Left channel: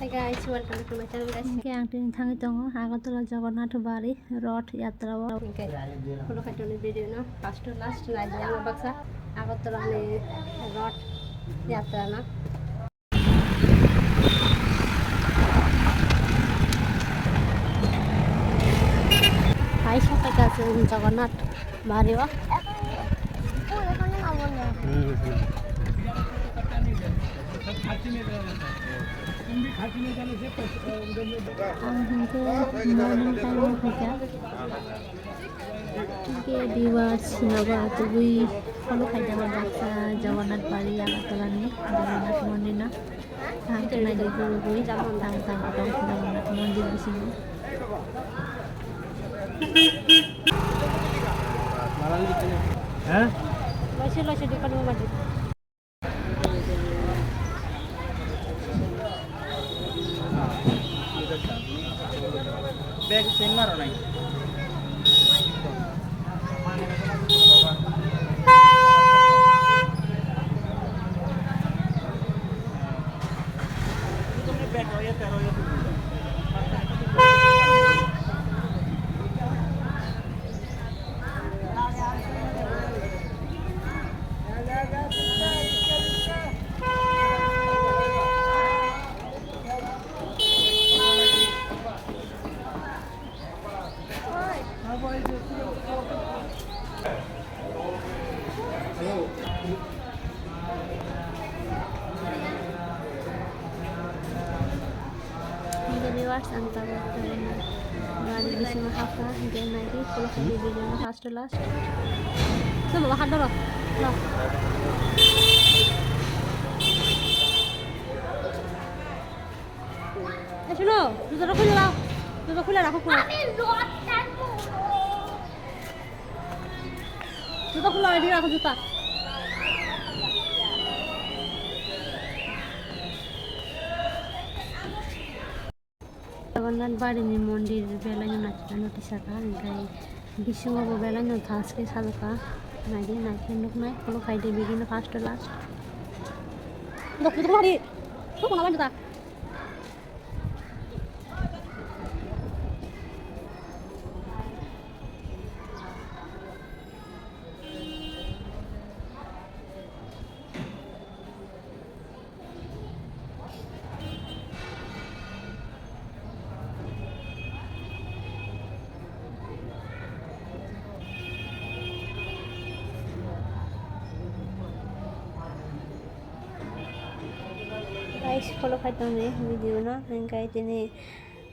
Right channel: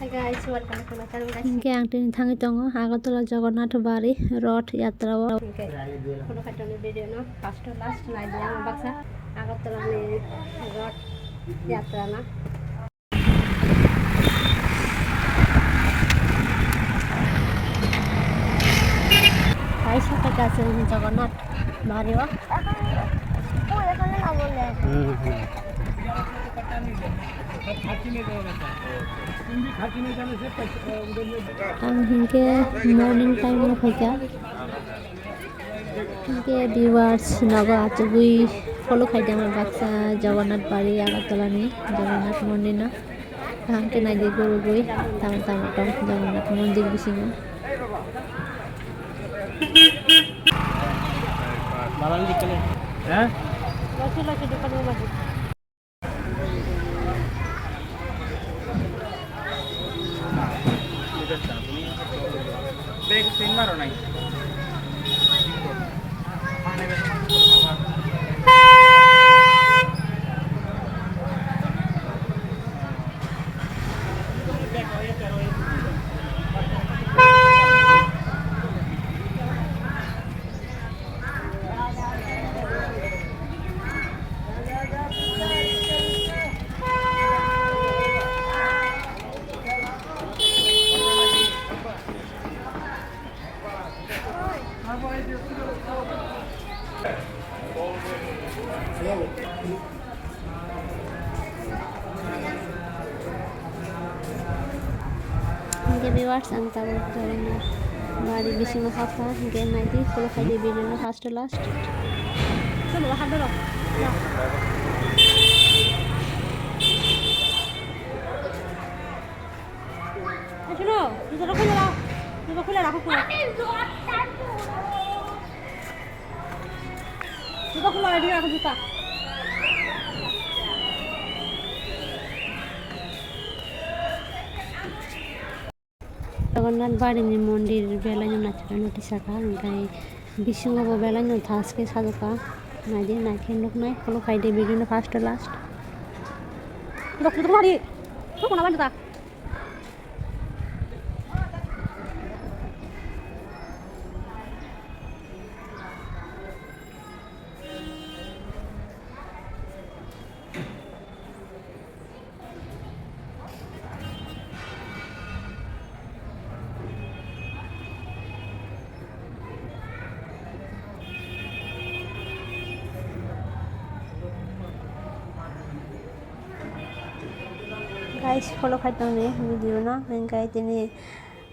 Hi guys, welcome to my channel guys. Ke angtin thangi tongo Agartala Jagannath Bari Roth Yatra Okay. Kalau kata ni video no, first to last na dia ang baksa Agartala ni Roth Yatra na. Hai সাথে কাছে জগন্নাথ বাড়ি ও এখানে না বলে ang hingke morning time mo khaika hingke viewers nago atugui follow khaidang baksa jagannath bari agartala ni jagannath mondir na hangke nagi guru gui tama tama tong jagannath mondir bisingo malang di kene ha masih depan rumah dia. Bag pen मारो नहीं hingke viewers ang tawag jagannath bari bisingo kata hingke nagi follow khaidi video na first to last Sama makan dulu. Nah. শুনো জুতোটা খুলে দাও জুতো খুলে রাখো পুরো জুতো খুলে রেডি রাখো জুতা jagannath bari ni mondir belanya nachana tisaka ngai bisingo bo belanya thaske sadoka nadi nakin lokna follow khaidi video first to last Dok, jুতো খুলে রেডি কো না জুতা guys follow khaitang ni video na ngai tini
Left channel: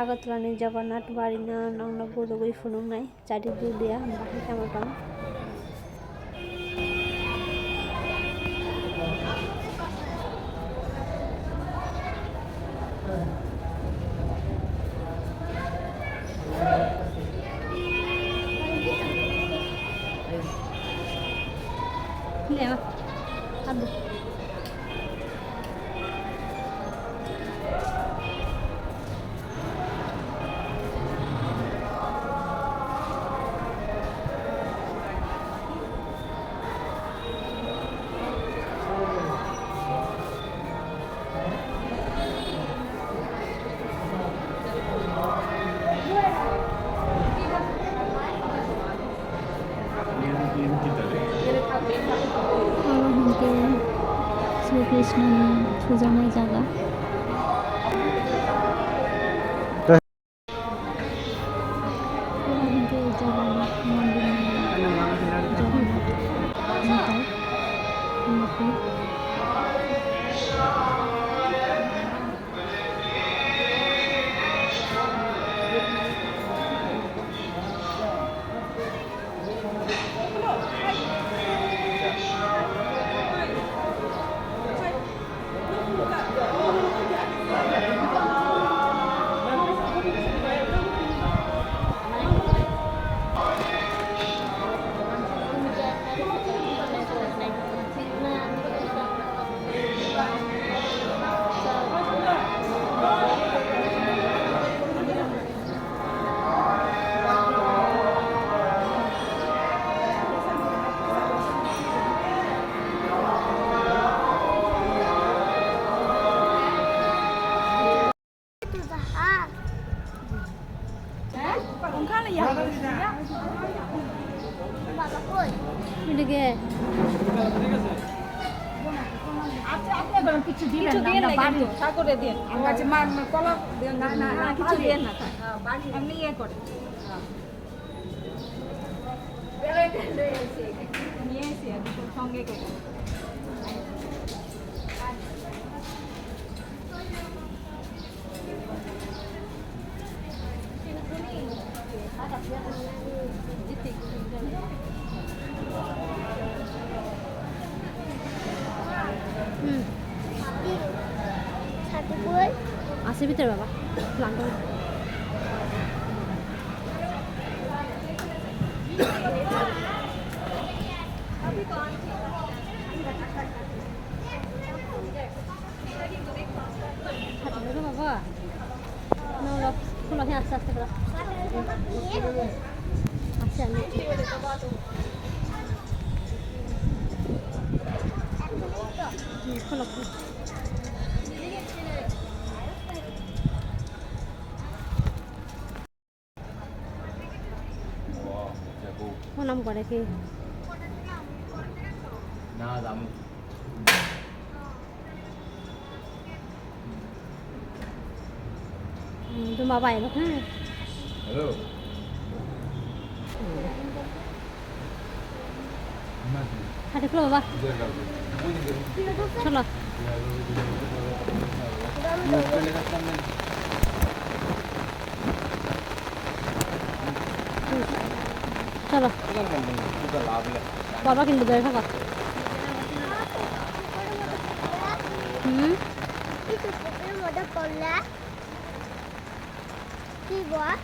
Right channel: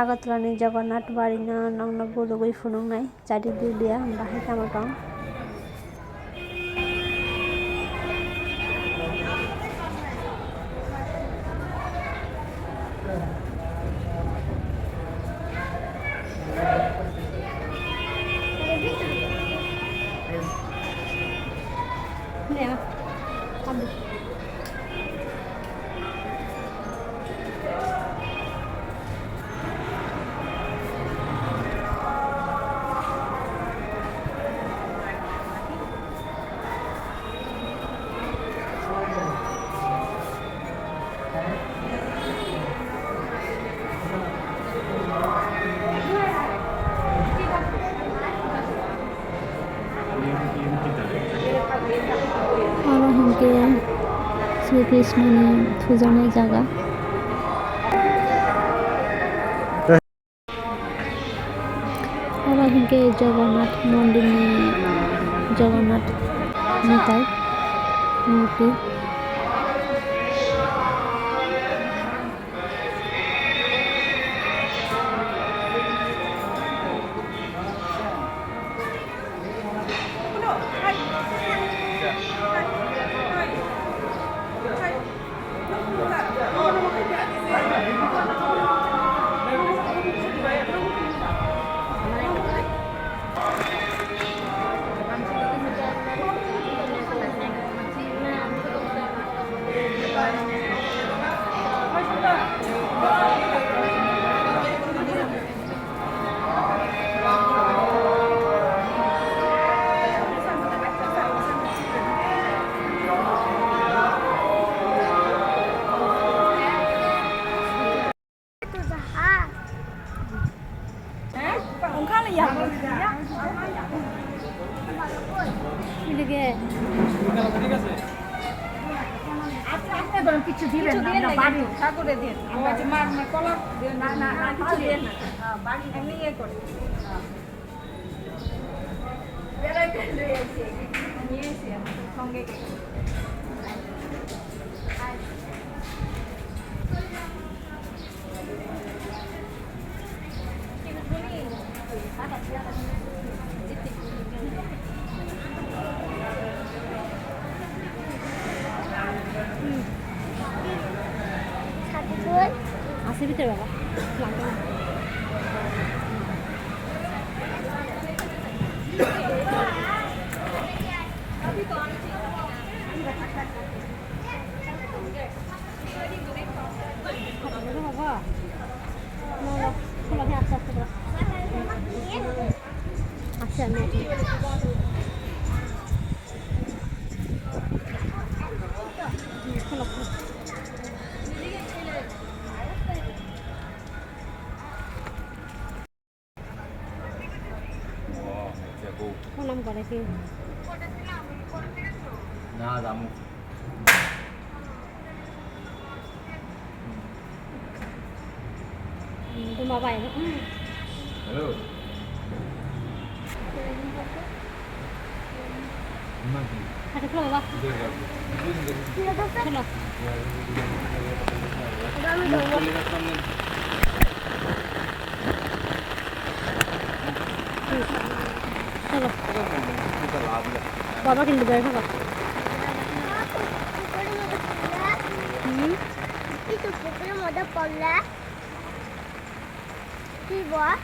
agartala ni jagannath bari na nongna guru gui funung nai chadi dia bahai tamatong Ini ya. Ambil. aro hingke Sri Krishna ni pujanai jaga aro hingke jagannath mondir ni jagannath nitai murti এদিকে কিছু দিলেন না বাড়ি তা করে দেন কাছে মা কলা না না কিছু দেন না বাড়ি আপনি ইয়ে করে বেড়াইতে নিয়ে এসে সঙ্গে গেলে আছে ভিতরে বাবা লাগবে না। হাতে ধরো বাবা না খোলা ভেঙে আস্তে আস্তে করো আচ্ছা আমি খোলা খোলা প্রণাম করে কি না দাম তোমার বাইরে হ্যাঁ হ্যালো হাতে খোলো বাবা খোলো চলো বাবা কিন্তু বের থাকা পুকুরের মধ্যে পড়লে কি বল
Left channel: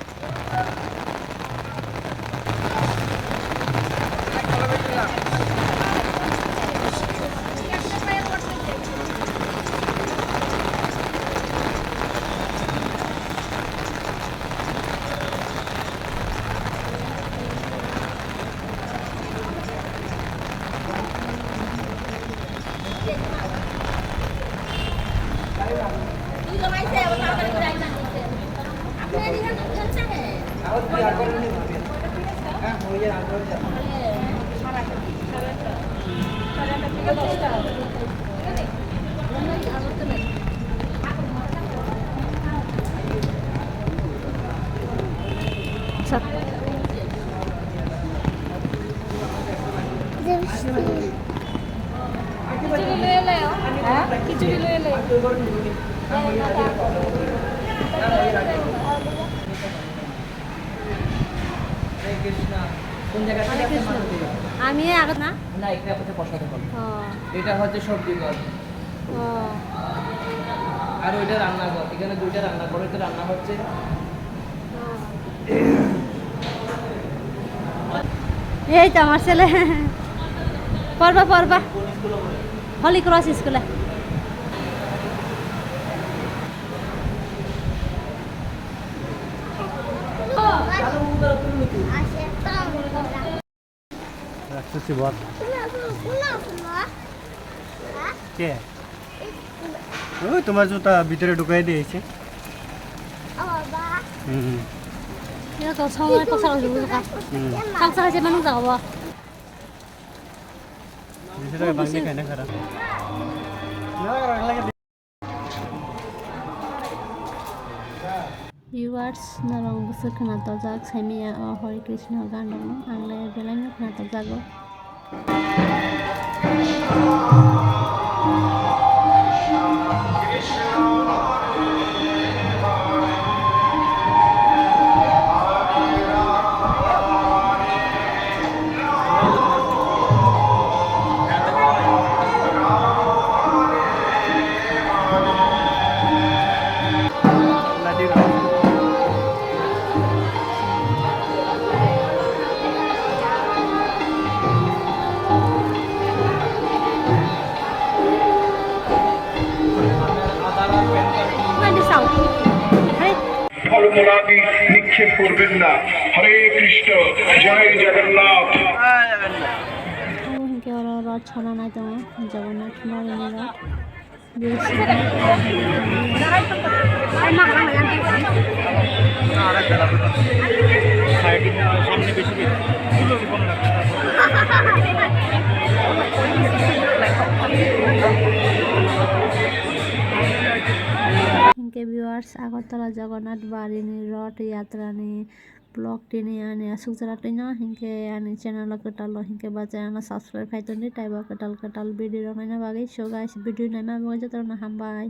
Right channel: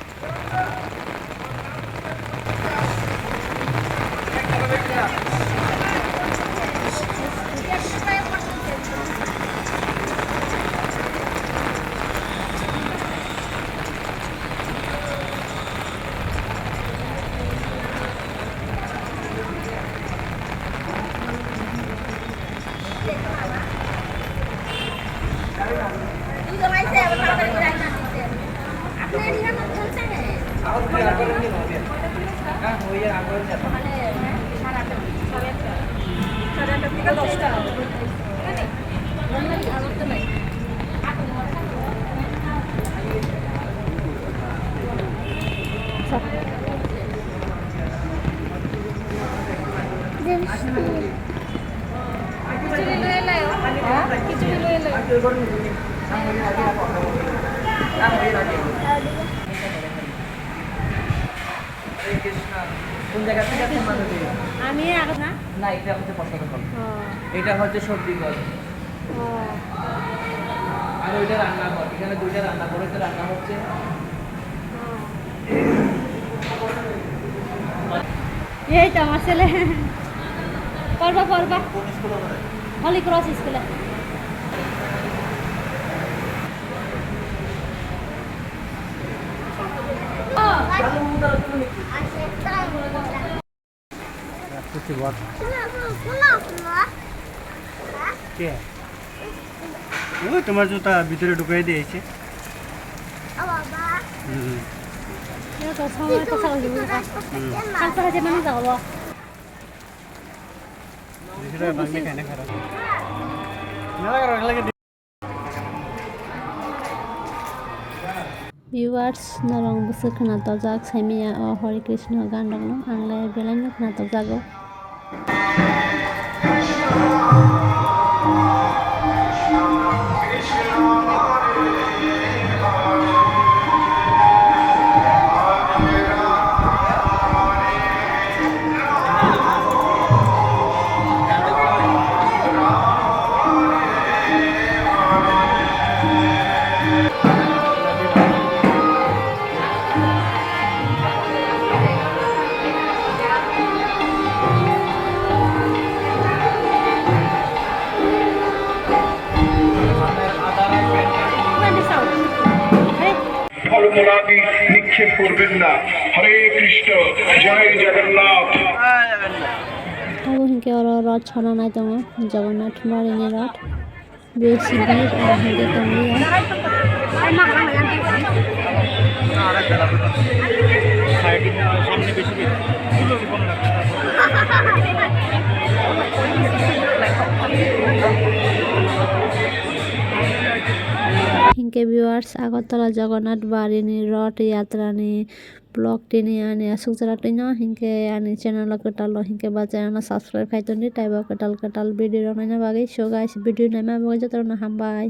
কোন জায়গা থেকে আছে মানতে আমি আগে না না এটা হচ্ছে প্রসাদ ফল ও এটা হচ্ছে সবজি ফল ও আর ওইটা রান্না ঘর এখানে দুইটা রান্না করে তো রান্না হচ্ছে এই তো আমার ছেলে পড়বা পড়বা হলি ক্রস স্কুলে ওই তোমার জুতা ভিতরে ঢুকাই দিয়েছে 이거 정말 똑바로 누르가 깜짝하지 마는 거 봐. ভিউয়ার্স নারং বসে খানাতো যাক সাইমিয়া ও হরে কৃষ্ণ গান ডাকলো আংলে বেলাম খানাতো জাগো ফলমূলাদি নিক্ষেপ করবেন না। হরে কৃষ্ণ, জয় জগন্নাথ। আগুনকে ওরা রথ ছড়া নাই তোমার জগন্নাথ মরিনী রথ বেশি সামনে বেশি हिंके व्यूअर्स আগরতলা জগন্নাথ বাড়িনি রথ यात्रानी ब्लॉग टेने आने असुक जरा टेनो हिंके आने चैनल कटाल हिंके बाजा आना सब्सक्राइब खाइतोनी टाइबा कटाल वीडियो रनाइना बागे सो गाइस वीडियो नामा बागे जतरना हम बाय